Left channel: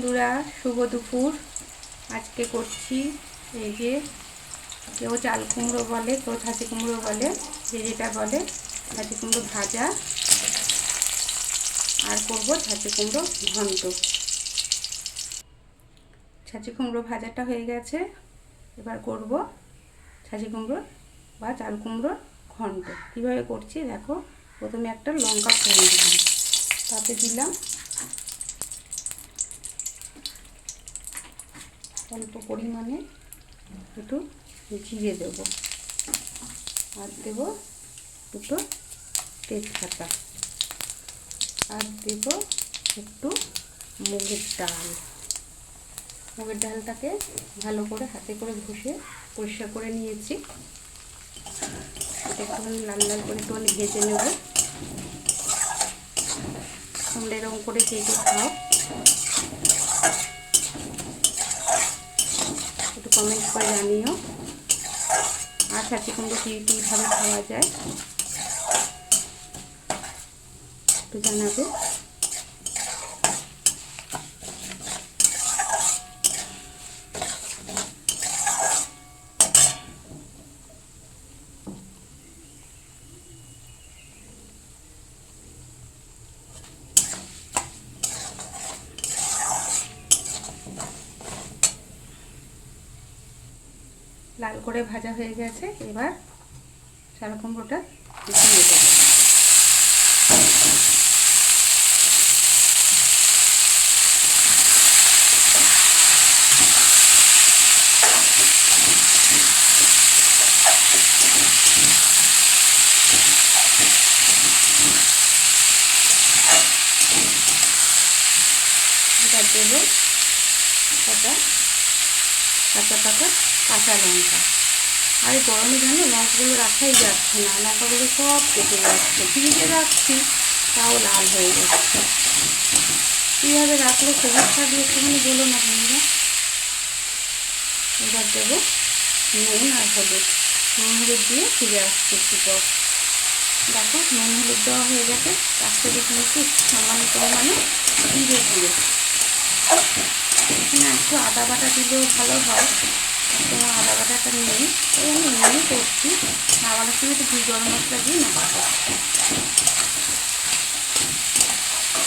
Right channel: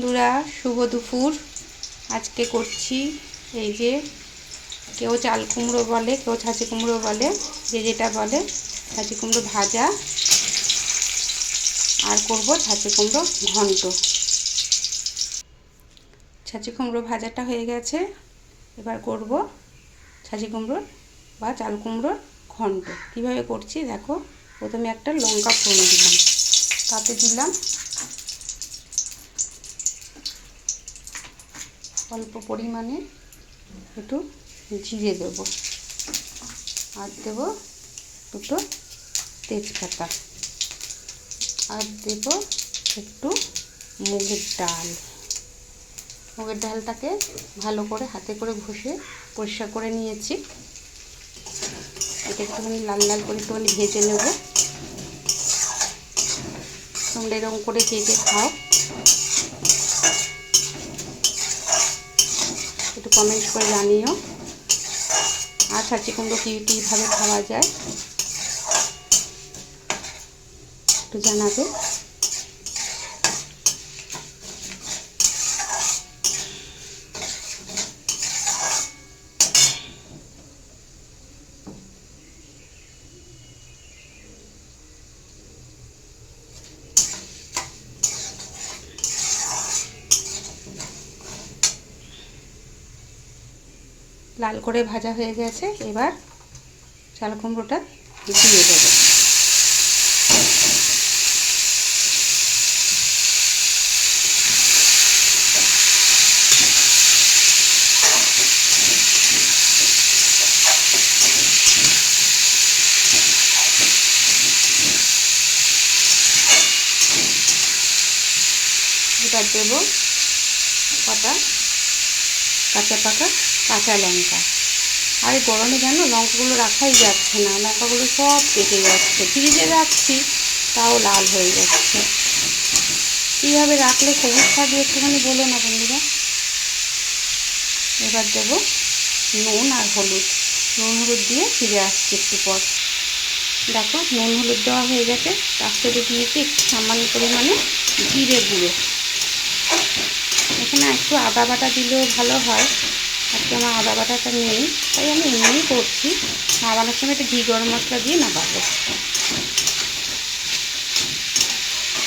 বন্ধুরা, শুভ দুপুর। আজকে করছি এই যে, কেউ চাল কুমড়ো বলে, কেউ ছাঁচি কুমড়ো বলে, যে যেটা বলে ছাঁচি কুমড়ো ভাজা। আর করব ছাঁচি কুমড়ো ঘন্ট। ছাঁচি কুমড়ো ভাজাটা হয়ে গেছে। এবার করব ছাঁচি কুমড়োর বা চাল কুমড়োর ঘন্ট। কীভাবে করছি? দেখো, প্রথমে একটা লঙ্কা ফোড়ন দিলাম। তাতে দিলাম অল্প পরিমাণে একটু জিরে দেব। আর দেব দুটো তেজপাতা। আর দেব একটু মুগের ডাল। মুগের ডালটাকে ভালো করে হাতে করে ঘষে পরিষ্কার করে নিয়েছি। এটা একটুখানি লাল লাল করে একটুখানি ভেজে নেব। তোমরা এরকম করে কে কে খাও। কমেন্ট করে জানিও। আর ছাড়ছি কুমড়ো কী কীভাবে খাওয়া যায় একটু জানাবে। লাল করে ভাজা হয়ে গেছে এবার চাল কুমড়োটা দিয়ে দেবো। এবার দেবো কটা কাঁচা পাকা, কাঁচা লঙ্কা। আর গরমে জানো, লঙ্কাগুলো রাখাই যাচ্ছে না, লঙ্কাগুলো সব কেটে যাচ্ছে। ফ্রিজে রাখছি, তাও লাল হয়ে যাচ্ছে। কীভাবে রাখলে সবুজ থাকবে একটুখানি বলো না বন্ধুরা? এবার দেবো নুন আর হলুদ। নুন হলুদ দিয়ে ফিরে আসছি একটু পর। দেখো, নুন হলুদ দেওয়া হয়ে গেছে। তার সাথে দিয়েছি একটু সামান্য পরিমাণে জিরে দিয়ে এখানে একটু আদা বাটা দিলেও ভালো হয়। আজকে আমার আদা বাটাটা নেই, তাই আমি এমনি করছি। নামানোর সময় একটু ঘি গরম মশলা দিয়ে নামাবো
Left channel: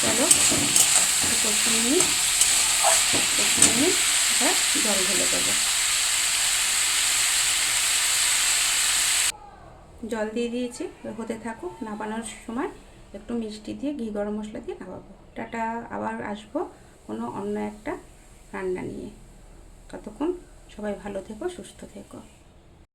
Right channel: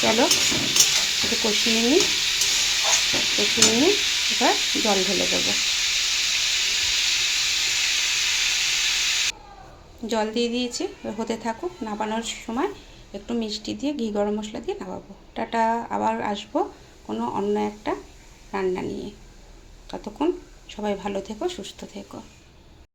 চলো, একটু কষিয়ে নিই। কষিয়ে নিই এবার জল ঢেলে দেবো। জল দিয়ে দিয়েছি, হতে থাকুক, নামানোর সময় একটু মিষ্টি দিয়ে ঘি গরম মশলা দিয়ে নামাবো। টাটা, আবার আসব কোনো অন্য একটা রান্না নিয়ে। ততক্ষণ সবাই ভালো থেকো সুস্থ থেকো।